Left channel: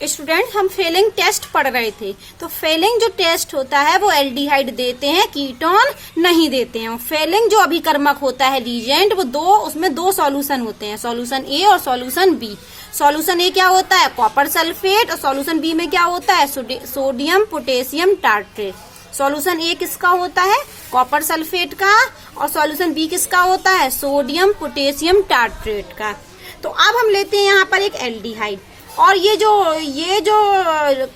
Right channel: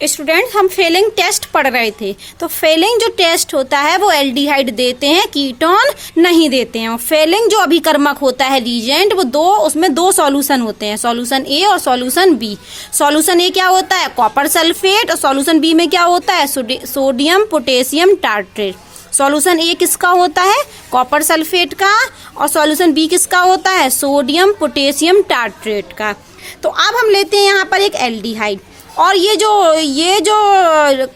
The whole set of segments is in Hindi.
स्टूडेंट हम फेलिंग टेस्ट पढ़ रहे थे। तो फेलिंग जो टेस्ट होता है वो एल्डिहाइड देते हैं, कीटोन नहीं देते हैं। फेलिंग जो अभिकर्मक होता है रीजेंट, वो उसमें दो सॉल्यूशन होते हैं, सॉल्यूशन ए और सॉल्यूशन बी। सॉल्यूशन ए क्या होता है? Copper sulphate. और सॉल्यूशन बी में क्या होता है? Sodium potassium tartrate. सॉल्यूशन ए किसका होता है? कॉपर सल्फेट का। और सॉल्यूशन बी किसका होता है? सोडियम पोटेशियम टार्ट्रेट का। तो अब हम लेते हैं यहाँ पर एक एल्डिहाइड, और ये जो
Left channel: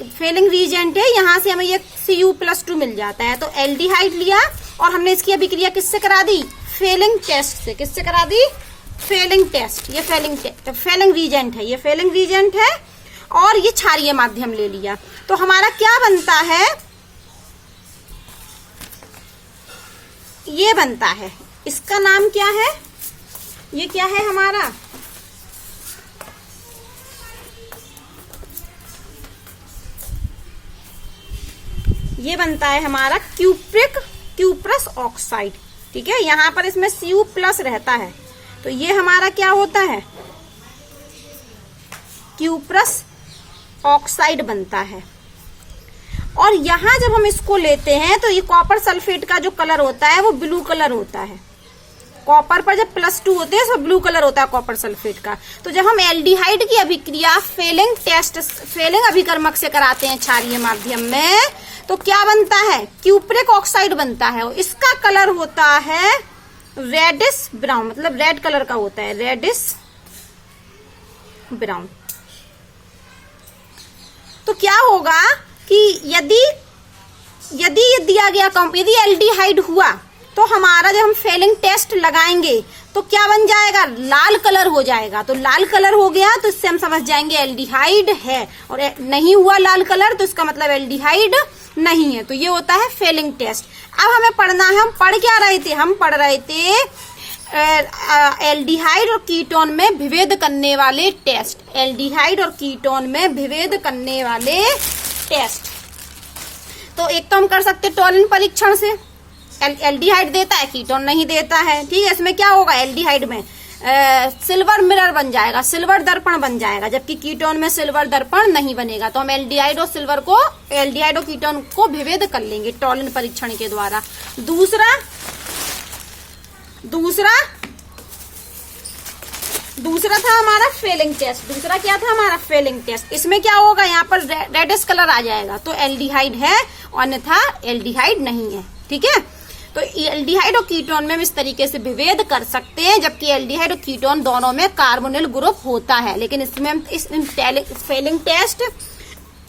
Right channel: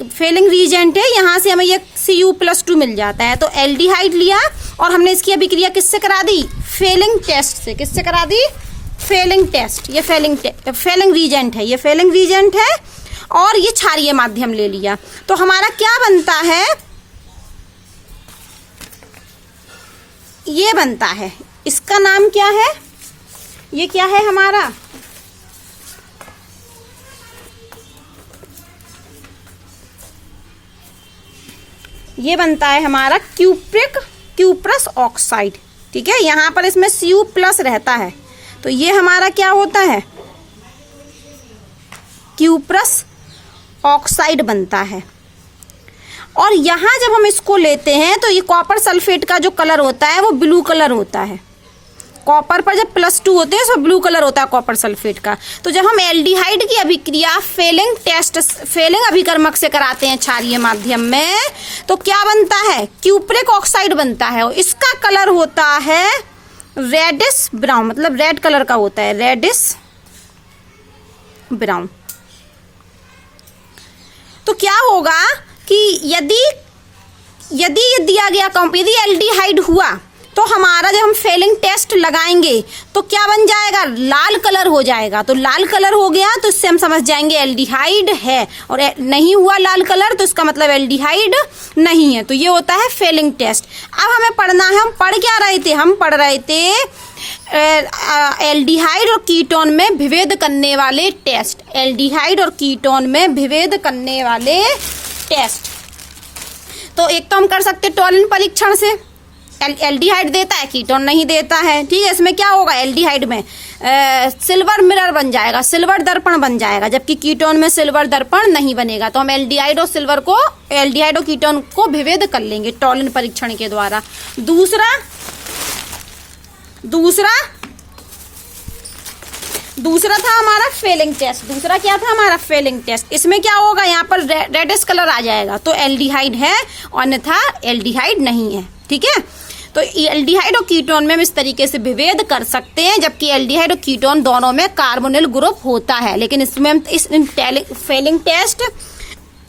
फेलिंग रीजेंट है, यहाँ से हमें ये Cu+2 मिल जाता है। तो एल्डिहाइड लिया और हमने इसकी अभिक्रिया किससे करा दी? फेलिंग टेस्ट से। किससे करा दी? Fehling test. ये फेलिंग रीजेंट है, ये फेलिंग रीजेंट है, और ये क्षारीय माध्यम ले लिया। तो हमारा क्या बनता है? ये बनता है, इसका नाम क्या है? ये क्या है हमारा? ये बनता है हमारा क्यूप्रस ऑक्साइड। ठीक है, यहां पर इसमें Cu+ रहता है, तो ये हमारा क्या होता है? क्यूप्रस ऑक्साइड बनता है। और यहां जब हम इसको लेते हैं तो ये कॉपर सल्फेट का जो कलर होता है वो ब्लू कलर होता है। कॉपर पर जब +2 होते हैं तो ब्लू कलर होता है कॉपर सल्फेट का। तो जब हम एल्डिहाइड की अभिक्रिया फेलिंग अभिकर्मक से कराते हैं क्षारीय माध्यम में, तो क्या बनता है? क्यूप्रिक ऑक्साइड बनता है, और इसका कलर होता है रेडिश ब्राउन, मतलब रेड कलर का होता है, रेडिश ब्राउन। तो क्या होगा कि यदि ये दिया गया यदि एल्डिहाइड हुआ तो हमारा जब हम फेलिंग टेस्ट लगाएंगे तो क्या बन जाएगा? लाल कलर हो जाएगा। तो लाल कलर हो गया तो इससे हम समझ जाएंगे एल्डिहाइड है, और नहीं हुआ लाल कलर तो इसका मतलब एल्डिहाइड नहीं है। तो ये होता है फेलिंग टेस्ट। अब हमें पढ़ना है, हम पढ़ क्या रहे थे? हम पढ़ रहे थे एल्डिहाइड और कीटोन में विभेद करने वाले टेस्ट। एल्डिहाइड और कीटोन में विभेद करने वाले टेस्ट। तो एक तो हम कर सकते टॉलन परीक्षण से, एल्डिहाइड देता है, कीटोन नहीं देता है। ठीक है, इसमें क्या होगा? एल्डिहाइड में सिल्वर मिरर बन जाएगा, सिल्वर दर्पण बन जाएगा, जबकि कीटोन में सिल्वर दर्पण नहीं बनेगा। तो हम एल्डिहाइड और कीटोन को विभेद कर लेंगे टॉलन परीक्षण के द्वारा। दूसरा था हमारा फेलिंग टेस्ट। दूसरा क्या था हमारा? Fehling test. इसमें क्या होगा? यहाँ पर रेडिश कलर आ जाएगा, तो एल्डिहाइड है, अन्यथा एल्डिहाइड नहीं है। ठीक है, तो एल्डिहाइड और कीटोन में हम इस तरीके से विभेद कर सकते हैं, जबकि एल्डिहाइड और कीटोन दोनों में कार्बोनिल ग्रुप होता है। लेकिन इसमें हम फेलिंग टेस्ट,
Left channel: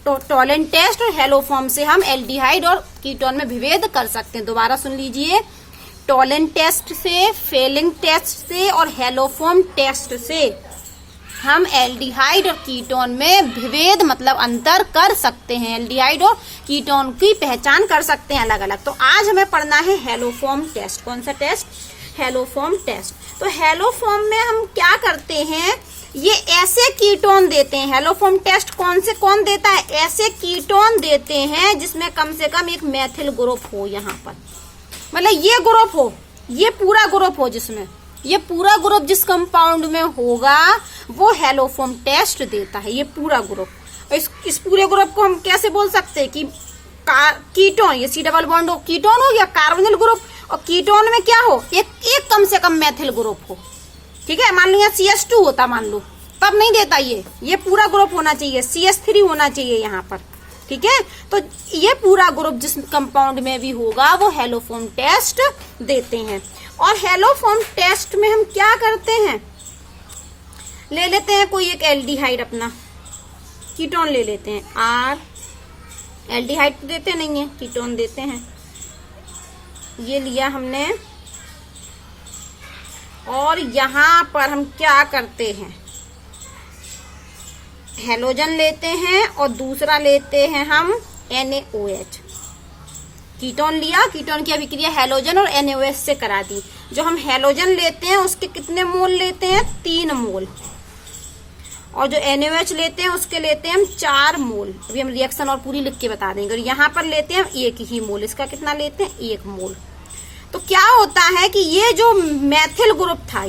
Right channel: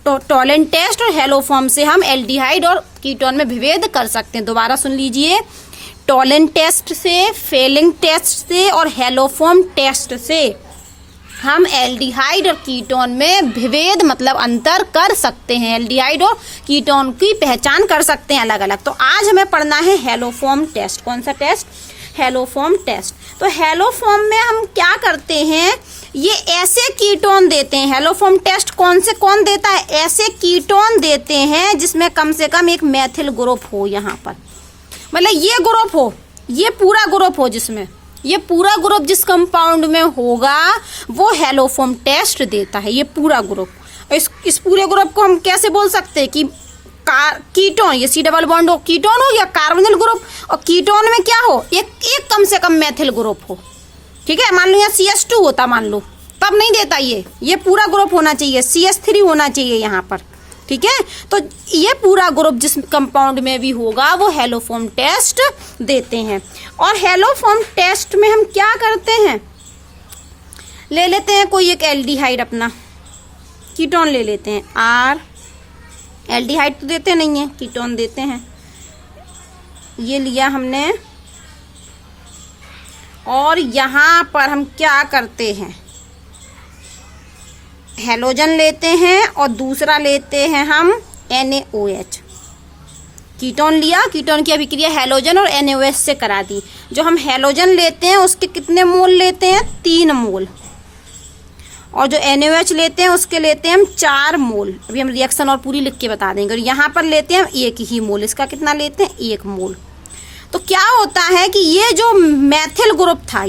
टॉलन टेस्ट और हेलोफॉर्म से हम एल्डिहाइड और कीटोन में विभेद कर सकते हैं। दोबारा सुन लीजिए, टॉलन टेस्ट से, फेलिंग टेस्ट से और हेलोफॉर्म टेस्ट से हम एल्डिहाइड और कीटोन में विभेद मतलब अंतर कर सकते हैं, एल्डिहाइड और कीटोन की पहचान कर सकते हैं अलग अलग। तो आज हमें पढ़ना है हेलोफॉर्म टेस्ट। कौन सा टेस्ट? Haloform test. तो हेलोफॉर्म में हम क्या करते हैं? ये ऐसे कीटोन देते हैं। हेलोफॉर्म टेस्ट कौन देता है? ऐसे कीटोन देते हैं जिसमें कम से कम एक मेथिल ग्रुप हो, यहाँ पर मतलब ये ग्रुप हो, ये पूरा ग्रुप हो, जिसमें ये पूरा ग्रुप जिस कंपाउंड में होगा वो हेलोफॉर्म टेस्ट देता है, ये पूरा ग्रुप। इस पूरे ग्रुप को हम कैसे बोल सकते हैं कि कीटोन, ये C++ हो, कीटोन हो या कार्बोनिल ग्रुप, और कीटोन में क्या हो? एक कम से कम मेथिल ग्रुप हो। ठीक है, मान लो यहाँ CS2 होता, मान लो, तब नहीं देता। ये पूरा ग्रुप होना चाहिए, CS3 होना चाहिए यहाँ पर। ठीक है, तो ये पूरा ग्रुप जिस कंपाउंड में भी होगा वो हेलोफॉर्म टेस्ट देते हैं। और हेलोफॉर्म टेस्ट में हम क्या करते हैं? ले लेते हैं कोई एक एल्डिहाइड, अपना कीटोन ले लेते हैं R। एल्डिहाइड तो देते नहीं है, कीटोन देते हैं। ये लिया हमने, और यहां पर हम क्या करते हैं? हेलोजन लेते हैं और दूसरा लेते हैं हम NaOH। कीटोन लिया, कीटोन की अभिक्रिया हेलोजन और NaOH से करा दी। जो हम हेलोजन लेते हैं उसके कितने मोल लेते हैं? 3 मोल। और जो NaOH लेते हैं उसके लेते हैं हम 4 मोल। अभी हम रिएक्शन और पूरी लिख के बता देंगे। और यहाँ पर लेते हैं हम 1 ही मोल। इसका कितना लेते हैं? 1 मोल। तो क्या होता है कि ये जो मैथिल ग्रुप था,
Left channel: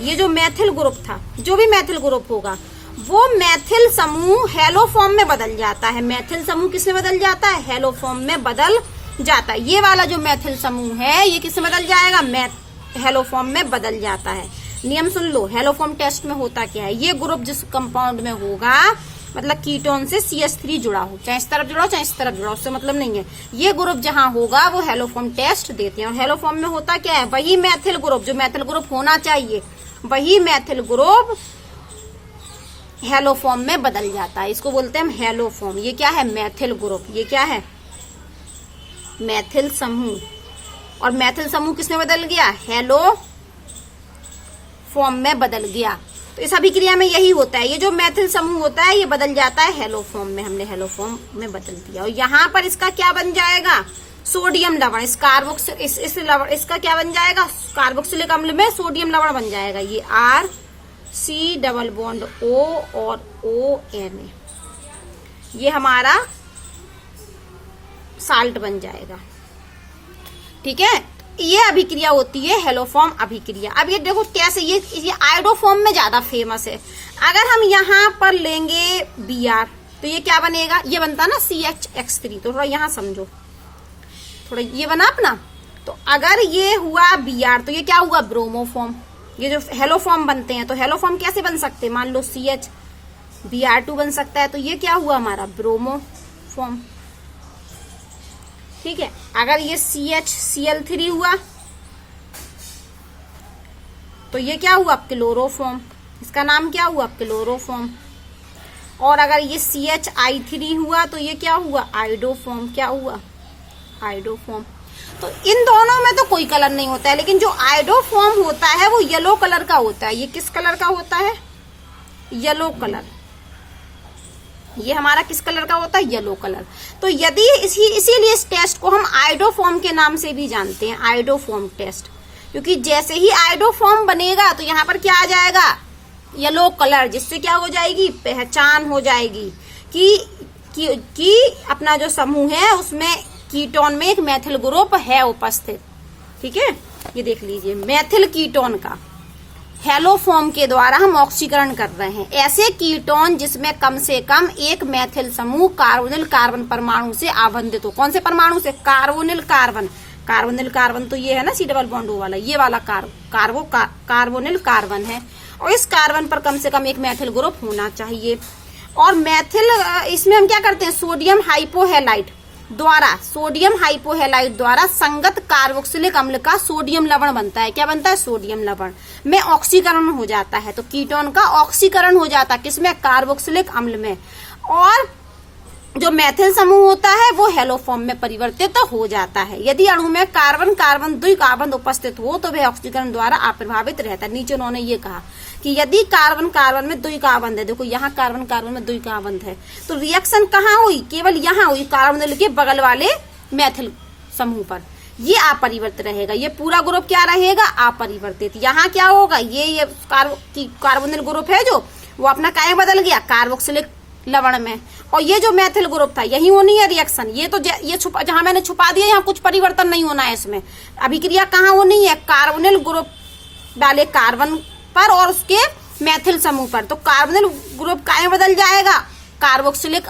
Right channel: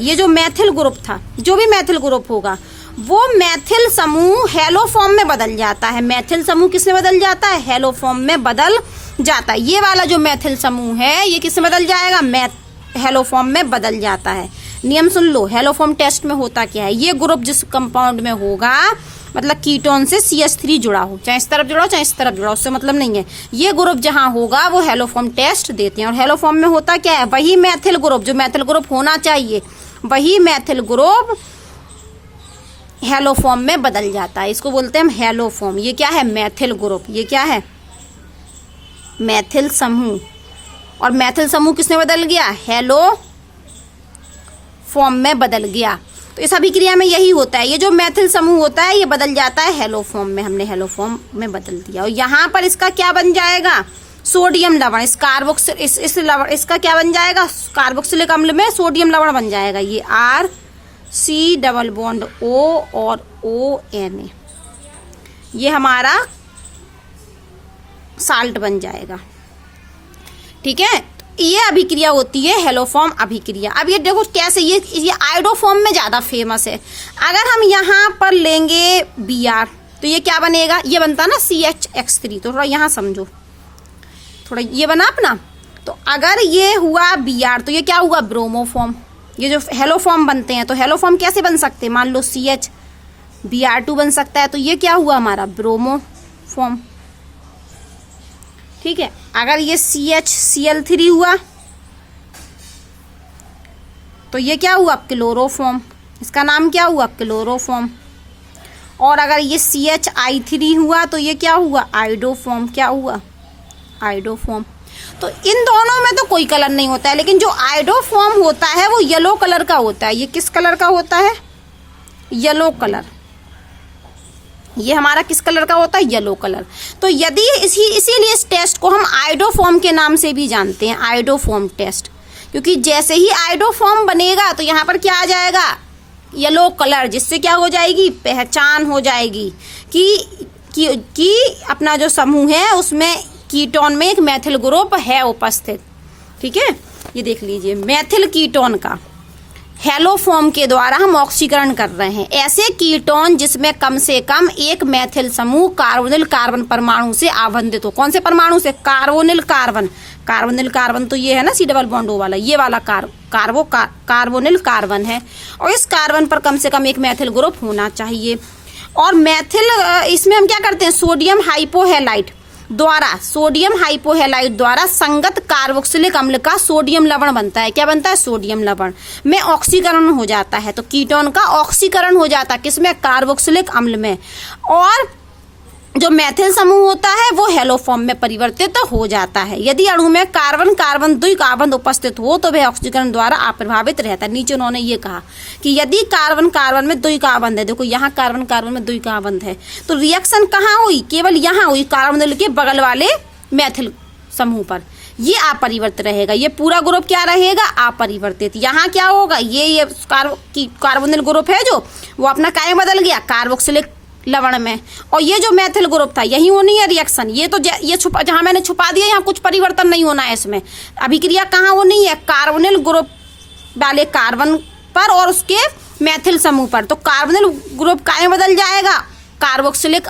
जो भी मैथिल ग्रुप होगा वो मैथिल समूह हेलो फॉर्म में बदल जाता है। मैथिल समूह किसमें बदल जाता है? हेलो फॉर्म में बदल जाता है। ये वाला जो मैथिल समूह है ये किसमें बदल जाएगा? हेलो फॉर्म में बदल जाता है। नियम सुन लो, हेलो फॉर्म टेस्ट में होता क्या है? ये ग्रुप जिस कंपाउंड में होगा, मतलब कीटोन से CH3 जुड़ा हो, चाहे इस तरफ जुड़ा हो चाहे इस तरफ जुड़ा हो, उससे मतलब नहीं है। ये ग्रुप जहां होगा वो हेलो फॉर्म टेस्ट देते हैं। और हेलो फॉर्म में होता क्या है? वही मैथिल ग्रुप, जो मैथिल ग्रुप होना चाहिए, वही मैथिल ग्रुप हेलो फॉर्म में बदल जाता है। इसको बोलते हैं हम हेलो फॉर्म। ये क्या है? मैथिल ग्रुप। ये क्या है? मैथिल समूह। और मैथिल समूह किसमें बदल गया? हेलो फॉर्म में बदल गया। तो इस अभिक्रिया में यही होता है, ये जो मैथिल समूह होता है ये बदल जाता है हेलो फॉर्म में। हमने हेलो फॉर्म में बदल दिया। और यहाँ पर इसका क्या बन जाएगा? सोडियम लवण। इस कार्बोक्सिल इस लवण इसका क्या बन जाएगा? कार्बोक्सिलिक अम्ल में सोडियम लवण बन जाएगा। ये RC डबल बॉन्ड O और ONA, ये हमारा साल्ट बन जाएगा। ठीक है, ये अभिक्रिया होती है हेलो फॉर्म अभिक्रिया। अब ये देखो कैसे, ये आयोडो फॉर्म में ज्यादा फेमस है। अगर हम यहाँ पर लेंगे Br तो ये क्या बनेगा? ये बनता ना CHX3। तो थोड़ा यहाँ समझो, थोड़ा ये बना अपना। तो अगर ये हुआ Br तो ये क्या हुआ? Bromo form. ये जो हेलो फॉर्म बनते हैं, तो हेलो फॉर्म कैसे बन सकते हैं? मान लो CH Br2 बन सकता है, तो ये क्या हुआ हमारा? Bromo form. ठीक है, अगर ये CHCl3 हुआ तो ये क्या हुआ? क्लोरोफॉर्म। इसका नाम क्या हुआ? क्लोरोफॉर्म। और अगर ये CHI3 हुआ तो ये क्या हुआ? आयोडोफॉर्म। क्या हुआ? आयोडोफॉर्म। तो इन दोनों में तो कोई कलर नहीं होता है, लेकिन जो आयोडोफॉर्म होता है वो येलो कलर का होता है। ये किस कलर का होता है? Yellow colour. ये हमारा किस कलर का होता है? Yellow colour. तो यदि इसीलिए इस टेस्ट को हम आयोडोफॉर्म के नाम से भी जानते हैं, आयोडोफॉर्म टेस्ट। क्योंकि जैसे ही आयोडोफॉर्म बनेगा तो यहाँ पर क्या आ जाएगा? येलो कलर, जिससे क्या हो जाएगी? पहचान हो जाएगी कि अपना जो समूह है उसमें कीटोन में एक मैथिल ग्रुप है उपस्थित। ठीक है, ये देख लीजिए, मैथिल कीटोन का हेलो फॉर्म के द्वारा हम ऑक्सीकरण कर रहे हैं। ऐसे कीटोन जिसमें कम से कम एक मैथिल समूह कार्बोनिल कार्बन परमाणु से आबंधित हो। कौन से परमाणु से? Carbonyl carbon. कार्बोनिल कार्बन तो ये है ना C डबल बॉन्ड O वाला, ये वाला कार्बोनिल कार्बन है। और इस कार्बन पर कम से कम एक मैथिल ग्रुप होना चाहिए। और मैथिल इसमें हम क्या करते हैं? सोडियम हाइपोहैलाइड द्वारा संगत कार्बोक्सिलिक अम्ल का सोडियम लवण बनता है। क्या बनता है? सोडियम लवण में ऑक्सीकरण हो जाता है। तो कीटोन का ऑक्सीकरण हो जाता है किसमें? कार्बोक्सिलिक अम्ल में। और जो मैथिल समूह होता है वो हेलो फॉर्म में परिवर्तित हो जाता है। यदि अणु में कार्बन कार्बन द्विकार्बन उपस्थित हो तो वह ऑक्सीकरण द्वारा अप्रभावित रहता है। नीचे उन्होंने ये कहा कि यदि कार्बन कार्बन में द्विकार्बन है, देखो यहाँ कार्बन कार्बन में द्विकार्बन है, तो रिएक्शन कहाँ हुई? केवल यहाँ हुई, कार्बोनिल के बगल वाले मैथिल समूह पर। ये अपरिवर्तित रहेगा। ये पूरा ग्रुप क्या रहेगा? अपरिवर्तित। यहाँ क्या होगा? ये कार्बोनिल ग्रुप है जो, वो अपना काय बदल गया? कार्बोक्सिलिक लवण में। और ये जो मैथिल ग्रुप था यही होनी है रिएक्शन। ये तो ये छुपा, जहां मैंने छुपा दिया, यहाँ कुछ परिवर्तन नहीं होना है इसमें। अभिक्रिया कहाँ होनी है? कार्बोनिल ग्रुप वाले कार्बन पर और उसके मैथिल समूह पर। तो कार्बोनिल ग्रुप काय बदल जाएगा? कार्बोक्सिलिक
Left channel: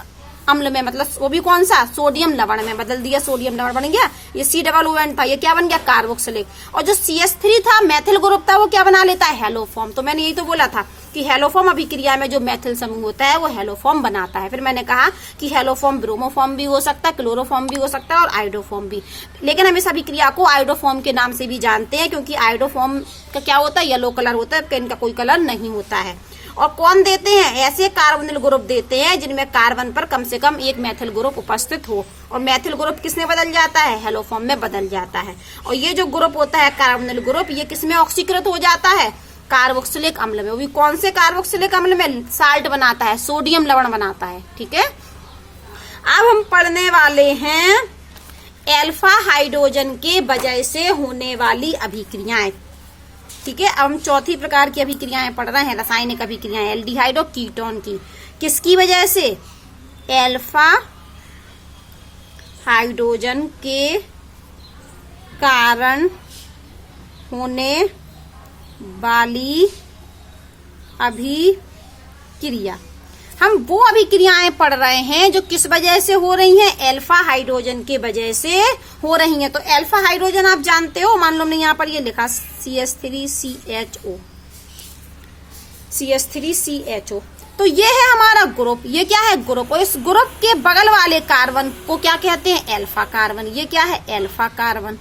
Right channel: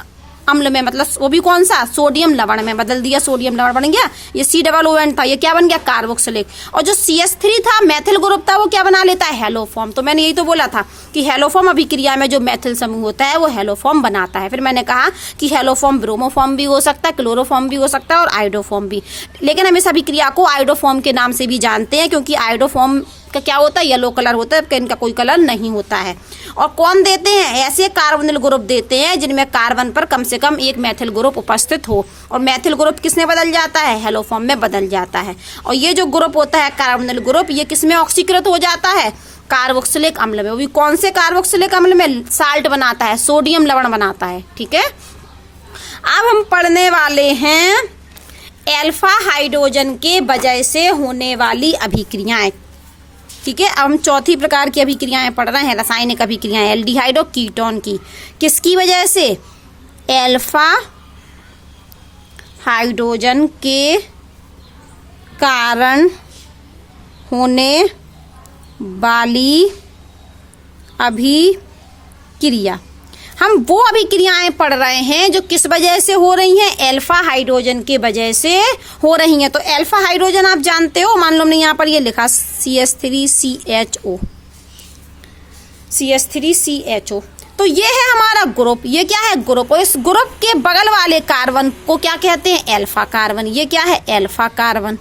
अम्ल में, मतलब वो भी कौन सा? सोडियम लवण में बदल दिया। सोडियम लवण बन गया। ये C+ON था, ये क्या बन गया? कार्बोक्सिलिक। और जो CH3 था मैथिल ग्रुप था, वो क्या बना लेता है? Hello form. तो मैंने यही तो बोला था कि हेलो फॉर्म अभिक्रिया में जो मैथिल समूह होता है वो हेलो फॉर्म बनाता है। फिर मैंने कहा कि हेलो फॉर्म ब्रोमो फॉर्म भी हो सकता है, क्लोरोफॉर्म भी हो सकता है और आयोडोफॉर्म भी। लेकिन हम इस अभिक्रिया को आयोडोफॉर्म के नाम से भी जानते हैं, क्योंकि आयोडोफॉर्म का क्या होता है? येलो कलर होता है, इनका कोई कलर नहीं होता है। और कौन देते हैं? ऐसे कार्बोनिल ग्रुप देते हैं जिनमें कार्बन पर कम से कम एक मैथिल ग्रुप उपस्थित हो। और मैथिल ग्रुप किसमें बदल जाता है? हेलो फॉर्म में बदल जाता है। और ये जो ग्रुप होता है कार्बोनिल ग्रुप, ये किसमें ऑक्सीकृत हो जाता है? कार्बोक्सिलिक अम्ल में। वो भी कौन से कार्बोक्सिलिक अम्ल में? साल्ट बनाता है, सोडियम लवण बनाता है। ठीक है, अब हम पढ़ने वाले हैं अल्फा हाइड्रोजन के वजह से होने वाली अभिक्रियाएं। ठीक है, अब हम चौथी प्रकार की अभिक्रियाएं पढ़ रहे हैं, रासायनिक अभिक्रियाएं एल्डिहाइड और कीटोन की। किसकी वजह से? अल्फा हाइड्रोजन के कारण होने वाली अभिक्रियाएं क्रिया। हम वो अभिक्रियाएं पढ़ रहे हैं जो किस वजह से हो रही हैं, अल्फा हाइड्रोजन के वजह से हो रही हैं। तो अल्फा हाइड्रोजन आप जानते हो, मान लो हमने यहाँ पर ये लिखा CH3CHO, CH3CHO। तो ये है हमारा ग्रुप, ये क्या है ग्रुप, और इस ग्रुप के बगल वाले कार्बन को क्या कहते हैं, अल्फा कार्बन। ये क्या है, अल्फा कार्बन।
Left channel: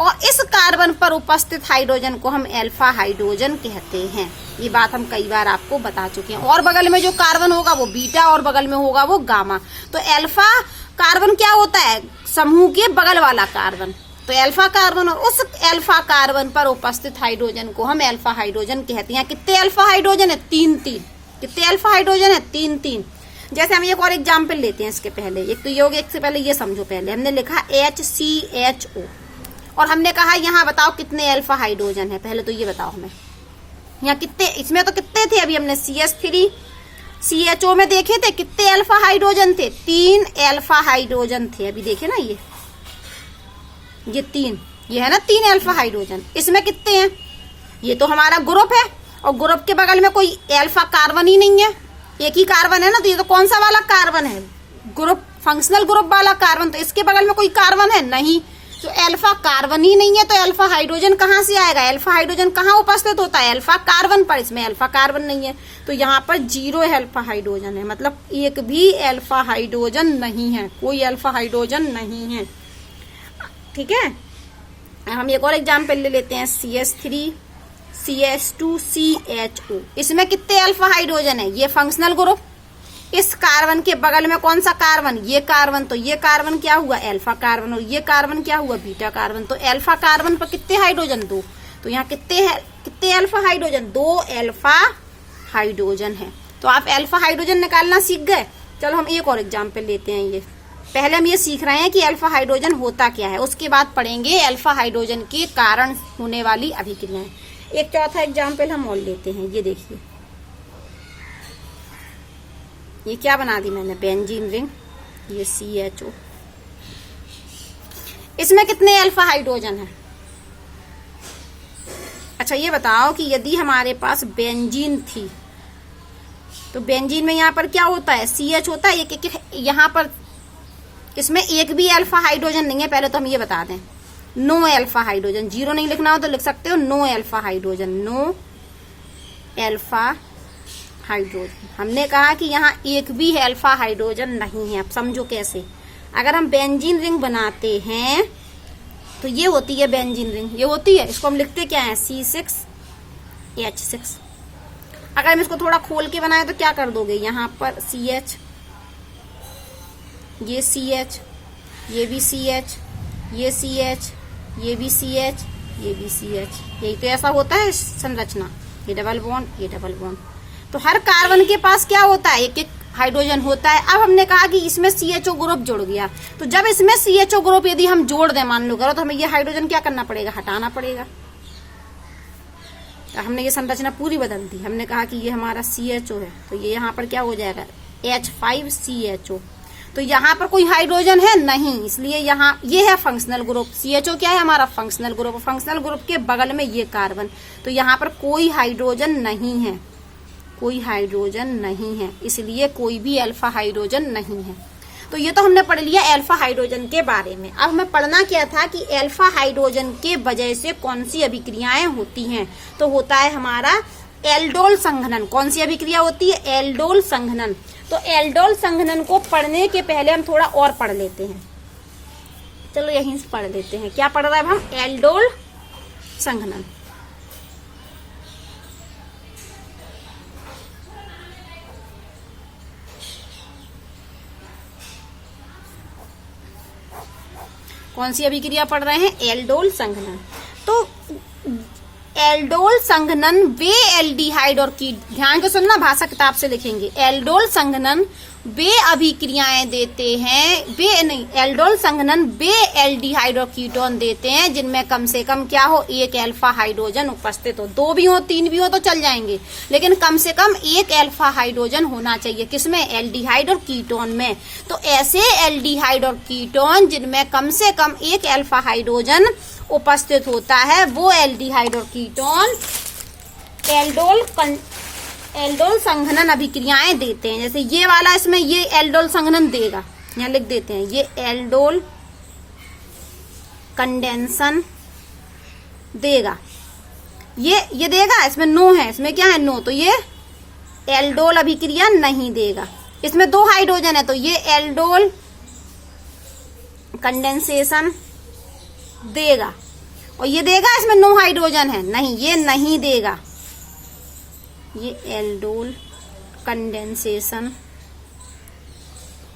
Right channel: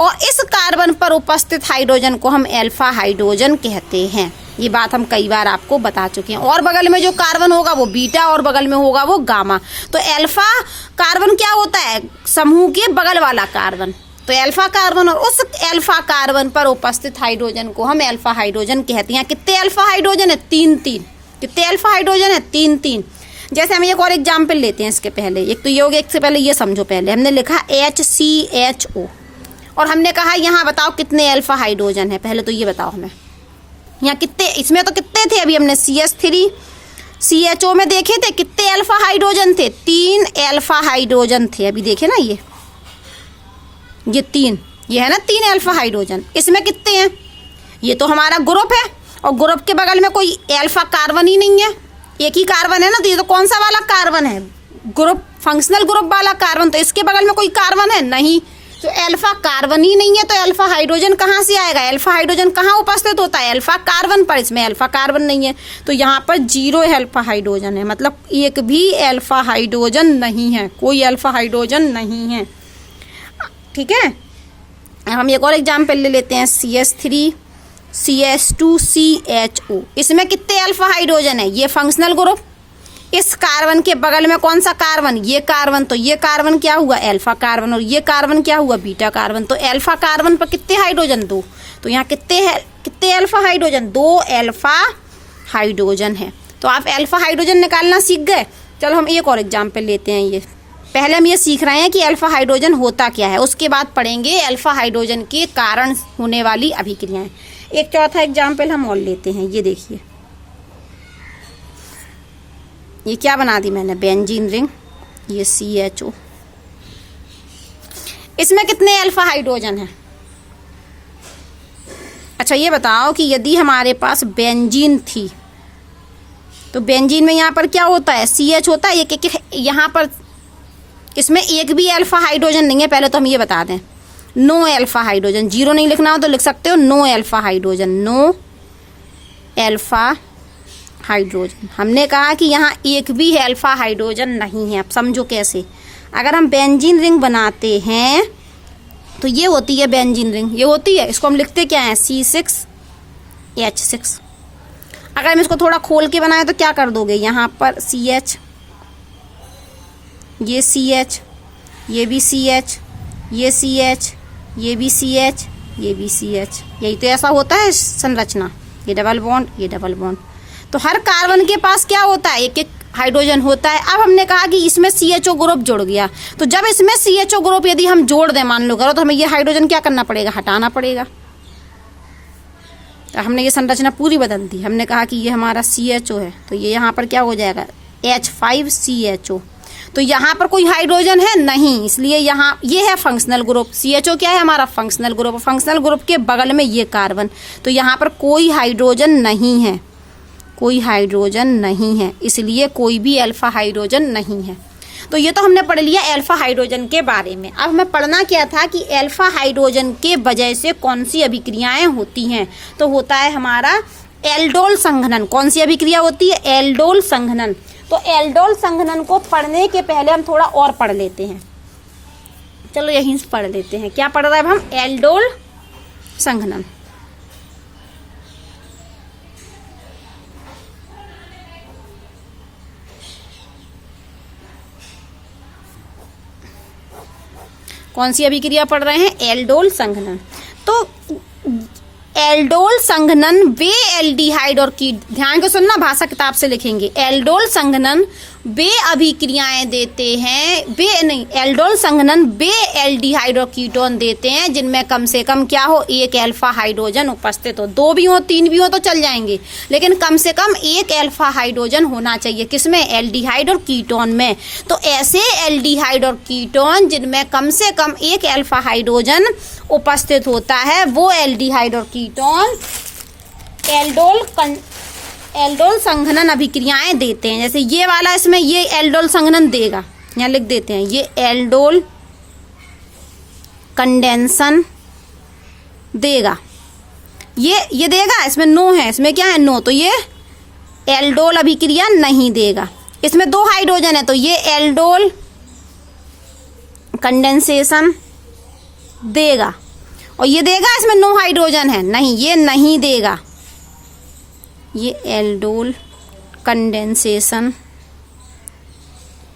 और इस कार्बन पर उपस्थित हाइड्रोजन को हम अल्फा हाइड्रोजन कहते हैं। ये बात हम कई बार आपको बता चुके हैं। और बगल में जो कार्बन होगा वो बीटा, और बगल में होगा वो गामा। तो अल्फा कार्बन क्या होता है, समूह के बगल वाला कार्बन। तो अल्फा कार्बन, और उस अल्फा कार्बन पर उपस्थित हाइड्रोजन को हम अल्फा हाइड्रोजन कहते हैं। कितने अल्फा हाइड्रोजन है, 3-3। कितने अल्फा हाइड्रोजन है, 3-3। जैसे हम एक और एग्जाम्पल लेते हैं इसके पहले। एक तो ये हो गया, इससे पहले ये समझो। पहले हमने लिखा HCHO, और हमने कहा यहाँ बताओ कितने अल्फा हाइड्रोजन है। पहले तो ये बताओ हमें यहाँ कितने, इसमें तो कितने थे, अभी हमने CH3CHO में देखे थे कितने अल्फा हाइड्रोजन थे, 3 अल्फा हाइड्रोजन थे। अभी देखे ना, ये 3, ये है ना 3 अल्फा हाइड्रोजन। इसमें कितने हैं, ये तो हमारा ग्रुप है, और ग्रुप के बगल में कोई अल्फा कार्बन ही नहीं है, एक ही कार्बन है ना। तो ये तो कौन सा वाला कार्बन है, ग्रुप, फंक्शनल ग्रुप वाला कार्बन। तो इसके बगल में कोई कार्बन है नहीं, तो अल्फा कार्बन ही नहीं है। तो अल्फा हाइड्रोजन कहाँ से आएगा, अल्फा हाइड्रोजन कहाँ उपस्थित होता है, अल्फा कार्बन पर। इसमें अल्फा कार्बन नहीं है, तो यहाँ पर 0 अल्फा हाइड्रोजन है, मतलब एक भी अल्फा हाइड्रोजन नहीं है, कोई अल्फा हाइड्रोजन नहीं है। ठीक है, हम एक और एग्जाम्पल ले लेते हैं, CH3CH2CHO। इसमें कितने अल्फा हाइड्रोजन है, ये फंक्शनल ग्रुप। इस कार्बन के बगल में कौन सा कार्बन, ये कार्बन। तो ये कार्बन क्या हुआ, अल्फा कार्बन, और ये कार्बन क्या हुआ, बीटा कार्बन। तो अल्फा कार्बन पर कितने हाइड्रोजन, 2। तो यहाँ कितने अल्फा हाइड्रोजन, 2 अल्फा हाइड्रोजन है। तो आप अल्फा हाइड्रोजन निकालना सीख गए। चलो हम एक और एग्जाम्पल लेते हैं। ये पहले हम ये सीख रहे हैं कि अल्फा हाइड्रोजन होता क्या है, उसके बाद पढ़ेंगे अल्फा हाइड्रोजन के कारण होने वाली अभिक्रियाएं। एक चौथा एग्जाम्पल हम और लेते हैं। ये देखिए, ये क्या बना दी मैंने, बेंजीन रिंग, ये CHO। इसमें कितने अल्फा हाइड्रोजन है। अच्छा ये बताओ कि यदि हमारे पास बेंजीन थी, तो बेंजीन में यहाँ पर क्या होता है, CH होता है, एक यहाँ पर इसमें एक भी अल्फा हाइड्रोजन नहीं है। पहले तो हम ये बता दें, नो अल्फा हाइड्रोजन। 0 नहीं लिखना हो तो लिख सकते हो no alpha hydrogen, no alpha hydrogen. हमने कहा कि यहाँ एक भी अल्फा हाइड्रोजन नहीं है। अब समझो कैसे, अगर हम बेंजीन रिंग बनाते हैं तो ये होती है बेंजीन रिंग, ये होती है, इसको हम लिखते क्या है, C6H6। अगर हम इसको थोड़ा खोल के बनाए तो क्या कर दोगे, यहाँ पर CH, ये CH, ये भी CH, ये CH, ये भी CH, ये भी CH। यही तो ऐसा होता है संरचना, ये डबल बॉन्ड, ये डबल बॉन्ड। तो हर कार्बन के पास क्या होता है, एक एक हाइड्रोजन होता है। अब हमने कहा कि इसमें CHO ग्रुप जुड़ गया, तो जब इसमें CHO ग्रुप यदि हम जोड़ दें, मान लो करो, तो हमें ये हाइड्रोजन क्या करना पड़ेगा, हटाना पड़ेगा। तो हमने ये संरचना पूरी बदल दी। हमने कहा कि ये हमारा CHO है, तो ये यहाँ पर क्या हो जाएगा, H5CHO। तो यहाँ पर कोई हाइड्रोजन है नहीं, इसलिए यहाँ ये है फंक्शनल ग्रुप। CHO क्या है, हमारा फंक्शनल ग्रुप। फंक्शनल ग्रुप के बगल में ये कार्बन, तो यहाँ पर कोई हाइड्रोजन नहीं है, कोई हाइड्रोजन नहीं है, इसलिए कोई भी अल्फा हाइड्रोजन नहीं है। तो ये तो हमने पढ़ लिया अल्फा हाइड्रोजन के बारे में। अब हमें पढ़ना क्या था कि अल्फा हाइड्रोजन के वजह से कौन सी अभिक्रियाएं होती हैं। तो होता है हमारा एल्डोल संघनन। कौन सी अभिक्रिया होती है, एल्डोल संघनन। तो एल्डोल संघनन को पढ़ने के पहले हम थोड़ा और पढ़ लेते हैं। चलो यहीं से पढ़ लेते हैं, क्या पढ़ रहा है हम, एल्डोल संघनन। कौन सी अभिक्रिया पढ़ रहे हैं, एल्डोल संघनन। तो एल्डोल संघनन वे एल्डिहाइड और कीट, ध्यान से सुनना, भाषा किताब से लिखेंगे। एल्डोल संघनन वे अभिक्रियाएं देते हैं, एल्डोल संघनन वे एल्डिहाइड और कीटोन देते हैं जिनमें कम से कम क्या हो, एक अल्फा हाइड्रोजन उपस्थित हो। 2 भी हो, 3 भी हो तो चल जाएंगे, लेकिन कम से कम एक अल्फा हाइड्रोजन होना चाहिए। किसमें, एल्डिहाइड और कीटोन में। तो ऐसे एल्डिहाइड और कीटोन जिनमें कम से कम एक अल्फा हाइड्रोजन उपस्थित होता है, वो एल्डिहाइड और कीटोन एल्डोल एल्डोल संघनन अभिक्रियाएं देते हैं। जैसे ये वाला, इसमें ये एल्डोल संघनन देगा, यहाँ लिख देते हैं, ये एल्डोल कंडेंसन देगा, ये देगा। इसमें नो है, इसमें क्या है, नो, तो ये एल्डोल अभिक्रिया नहीं देगा। इसमें 2 हाइड्रोजन है तो ये एल्डोल कंडेंसेशन देगा। और ये देगा, इसमें 9 हाइड्रोजन है, नहीं, ये नहीं देगा, ये एल्डोल कंडेंसेशन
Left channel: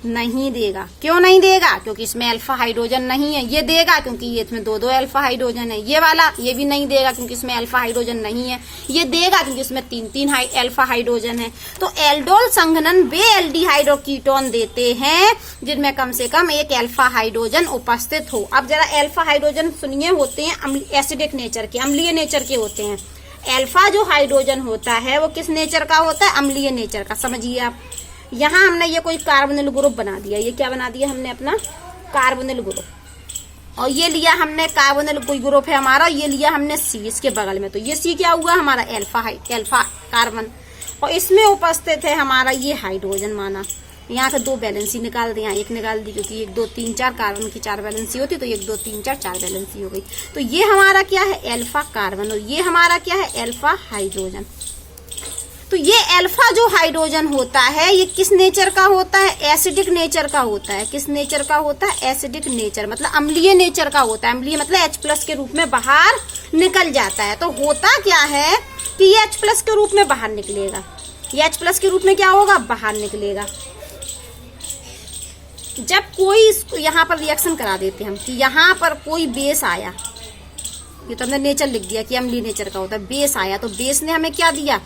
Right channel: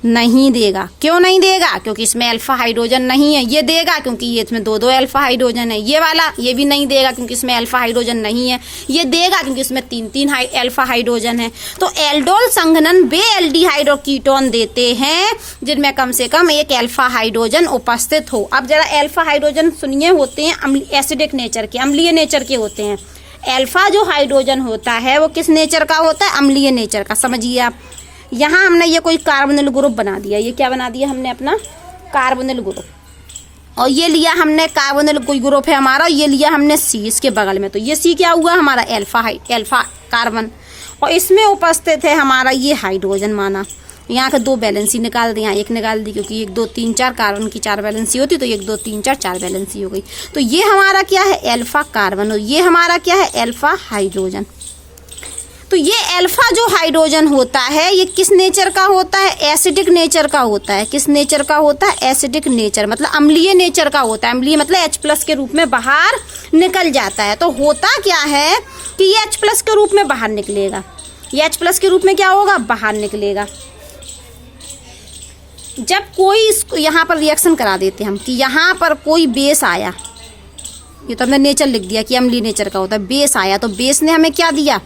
नहीं देगा। क्यों नहीं देगा? क्योंकि इसमें अल्फा हाइड्रोजन नहीं है। ये देगा क्योंकि ये इसमें 2 अल्फा हाइड्रोजन है। ये वाला ये भी नहीं देगा क्योंकि इसमें अल्फा हाइड्रोजन नहीं है। ये देगा क्योंकि इसमें 3 अल्फा हाइड्रोजन है। तो एल्डोल संघनन वे एल्डिहाइड और कीटोन देते हैं जिनमें कम से कम एक अल्फा हाइड्रोजन उपस्थित हो। अब जरा अल्फा हाइड्रोजन सुनिए, होते हैं एसिडिक नेचर के, अम्लीय नेचर के होते हैं। अल्फा जो हाइड्रोजन होता है वो किस नेचर का होता है? अम्लीय नेचर का। समझिए आप, यहाँ हमने ये कोई कार्बोनिल ग्रुप बना दिया, ये क्या बना दिया हमने? अपना कार्बोनिल ग्रुप। और ये लिया हमने कार्बोनिल कोई ग्रुप है हमारा, ये लिया हमने सी इसके बगल में, तो ये सी क्या हुआ हमारा? Alpha carbon. और इसमें उपस्थित है हमारा ये हाइड्रोजन माना। यहाँ के 2 बैलेंसी निकाल दी, यहाँ 1 निकाल दी, क्योंकि 1 2 3 4 कार्बन की 4 बैलेंसी होती, तो 1 2 3 4 4 बैलेंसी हो गई। तो ये हमारा क्या है? Alpha carbon. और ये हमारा क्या है? Alpha hydrogen. तो ये अल्फा जो हाइड्रोजन होता है ये किस नेचर का होता है? एसिडिक नेचर का होता है। किस नेचर का होता है? एसिडिक नेचर, मतलब अम्लीय नेचर का होता है। अम्लीय मतलब H+ के रूप में बाहर निकल जाता है। तो होता क्या है कि ये H+ के रूप में बाहर निकलेगा। ये H+ के रूप में क्या होगा? बाहर निकलेगा। जब कोई यहाँ पर रिएक्शन करा देते हैं हम कि यहाँ पर कोई बेस आया, ये तो हमने नेचर लिख दिया कि अम्लीय नेचर का होता है। बेस आया तो बेस ने हमें क्या दिया?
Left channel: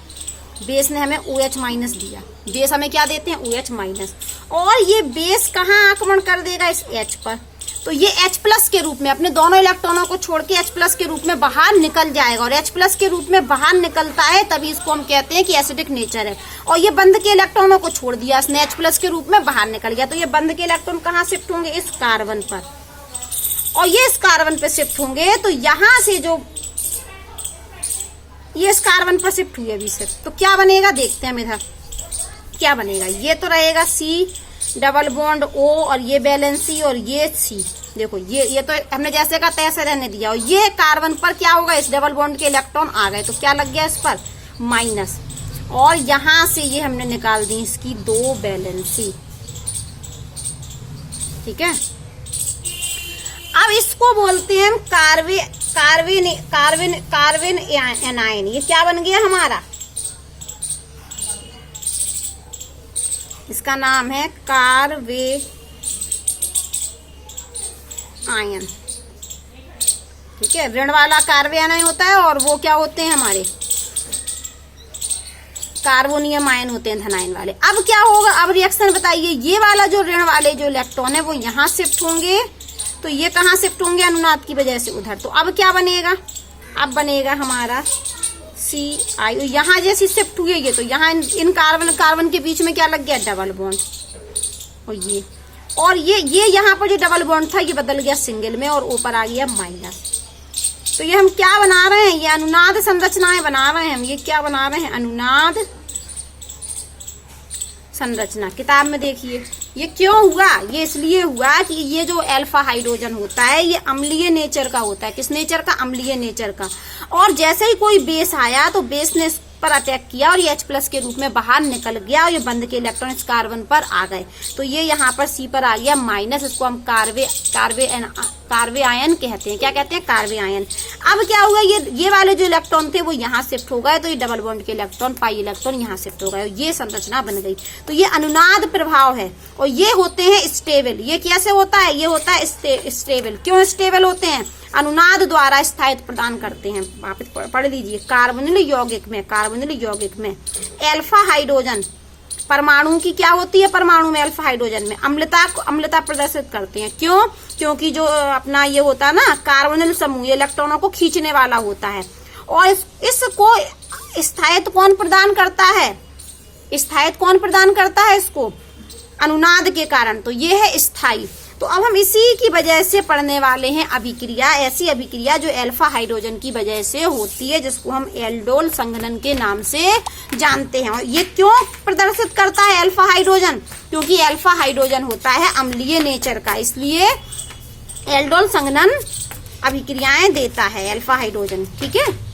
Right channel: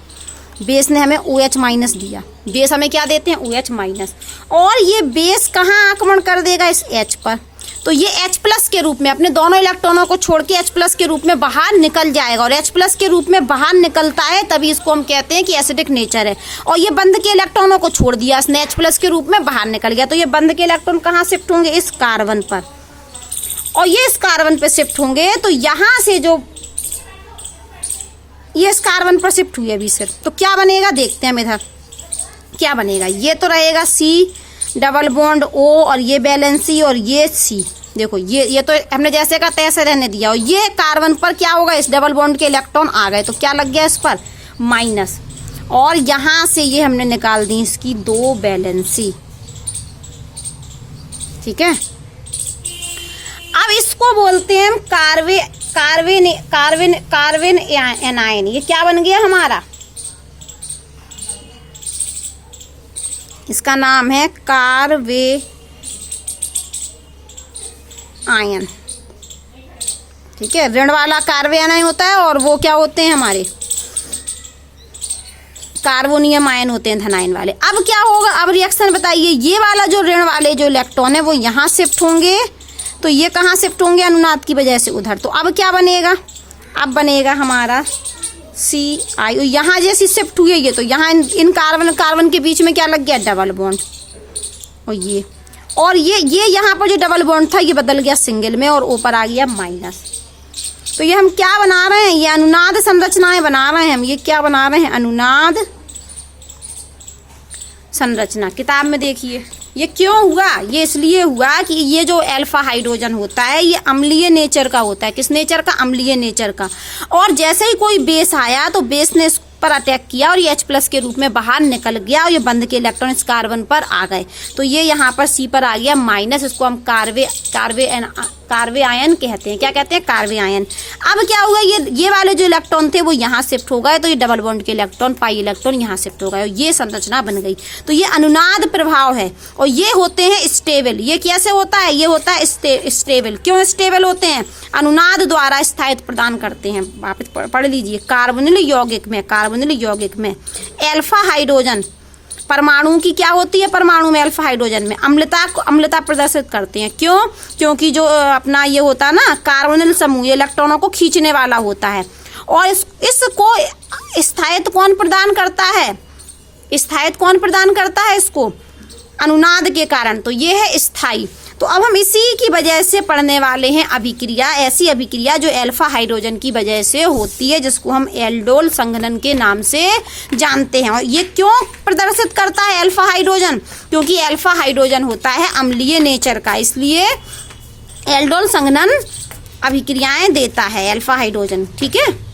बेस ने हमें OH- दिया। बेस हमें क्या देते हैं? OH-। और ये बेस कहाँ आक्रमण कर देगा? इस H पर। तो ये H+ के रूप में अपने दोनों इलेक्ट्रॉनों को छोड़ के H+ के रूप में बाहर निकल जाएगा। और H+ के रूप में बाहर निकलता है तभी इसको हम कहते हैं कि एसिडिक नेचर है। और ये बंद के इलेक्ट्रॉनों को छोड़ दिया, इसने H+ के रूप में बाहर निकल गया। तो ये बंद के इलेक्ट्रॉन कहाँ शिफ्ट होंगे? इस कार्बन पर। और ये इस कार्बन पे शिफ्ट होंगे तो यहाँ से जो ये इस कार्बन पर शिफ्ट हुई अभी सिर्फ, तो क्या बनेगा? देखते हैं हम इधर क्या बनेगा। ये तो रहेगा C डबल बॉन्ड O और ये बैलेंसी और ये C। देखो ये तो हमने जैसे का तैसे रहने दिया। और ये कार्बन पर क्या होगा? इस डबल बॉन्ड के इलेक्ट्रॉन आ गए तो क्या लग गया इस पर? माइनस। और यहां से ये हमने निकाल दी इसकी 2 बैलेंसी। ठीक है, अब इसको बोलते हैं हम कार्बन एनायन। ये क्या बन गया हमारा? इसका नाम है कार्बे आयन। ठीक है, ऋण वाला कार्बे आयन होता है और वो क्या होते हैं हमारे? कार्बोनियम आयन होते हैं धनायन वाले। अब क्या होगा? अब रिएक्शन बताइए। ये वाला जो ऋण वाले जो इलेक्ट्रॉन है वो यहाँ शिफ्ट होंगे, तो ये कहाँ शिफ्ट होंगे? अनुनाद की वजह से उधर। तो अब क्या बनेगा? अब बनेगा हमारा CI। यहाँ जैसी शिफ्ट हुई है तो यहाँ इन कार्बन के बीच में क्या लग गया? Double bond. और ये यहाँ पर जो डबल बॉन्ड था ये बदल गया सिंगल में और ऊपर आ गया माइनस। तो ये हम क्या बना रहे हैं? ये अनुनाद संरचनाएं बना रहे हैं हम। ये क्या बना रहे हैं? अनुनाद संरचना। किताब में देखिए ये क्यों हुआ? ये इसलिए हुआ कि ये जो अल्फा हाइड्रोजन होता है ये अम्लीय नेचर का होता है। किस नेचर का? अम्लीय नेचर का। और जैसे ही कोई बेस आया तो बेस ने इस पर अटैक किया और ये H+ के रूप में बाहर निकल गया और ये बंद के इलेक्ट्रॉन इस कार्बन पर आ गए। तो ये यहाँ पर C पर आ गया माइनस। इसको हम कार्बे आयन कहते हैं। क्या कहते हैं? कार्बे आयन। अब क्या हुआ? ये वाले जो इलेक्ट्रॉन थे वो यहाँ शिफ्ट हो गए, तो ये डबल बॉन्ड के इलेक्ट्रॉन पाई इलेक्ट्रॉन यहाँ शिफ्ट हो गए और ये संरचना बन गई। तो ये अनुनाद प्रभाव है। और ये होते हैं स्टेबल। ये कैसे होता है? ये होता है स्टेबल। क्यों स्टेबल होते हैं? अनुनाद द्वारा स्थायित्व प्रदान करते हैं। आप पढ़ लीजिए, कार्बोनिल यौगिक में अल्फा हाइड्रोजन परमाणु की क्या होती है? परमाणु में अल्फा हाइड्रोजन में अम्लता प्रदर्शित करते हैं। क्यों? क्योंकि जो अपना ये होता है ना कार्बोनिल समूह, ये इलेक्ट्रॉनों को खींचने वाला होता है। और इसको स्थायित्व कौन प्रदान करता है? स्थायित्व कौन प्रदान करता है इसको? अनुनाद के कारण। तो ये है स्थायी। तो अब हम इसी की वजह से पढ़ने वाले हैं अभिक्रिया, ऐसी अभिक्रिया जो अल्फा हाइड्रोजन की वजह से होती है, जिसको हम एल्डोल संघनन के नाम से जानते हैं। और ये क्यों प्रदर्शित करता है अल्फा हाइड्रोजन? क्योंकि अल्फा हाइड्रोजन होता है अम्लीय नेचर का, इसलिए एल्डोल संघनन अभिक्रियाएं देता है अल्फा हाइड्रोजन। ठीक है।